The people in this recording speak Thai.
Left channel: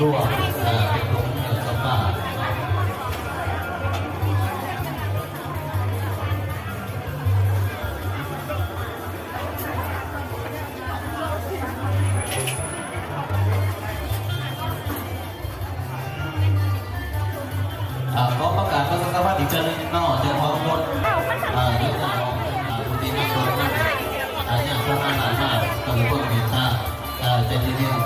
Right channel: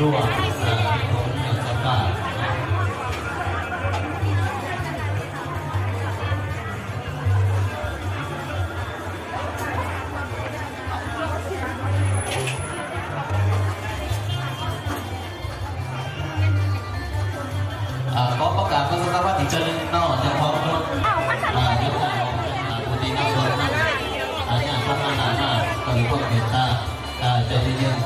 ร่วมของเจ้าป่าขอประกาศพระสุขภาพอีกเจริญนอกจะพร้อมคนยกมือของผู้ดีที่สุดอย่างพระมหาหน้าคือพวกเนต้าใจเย็น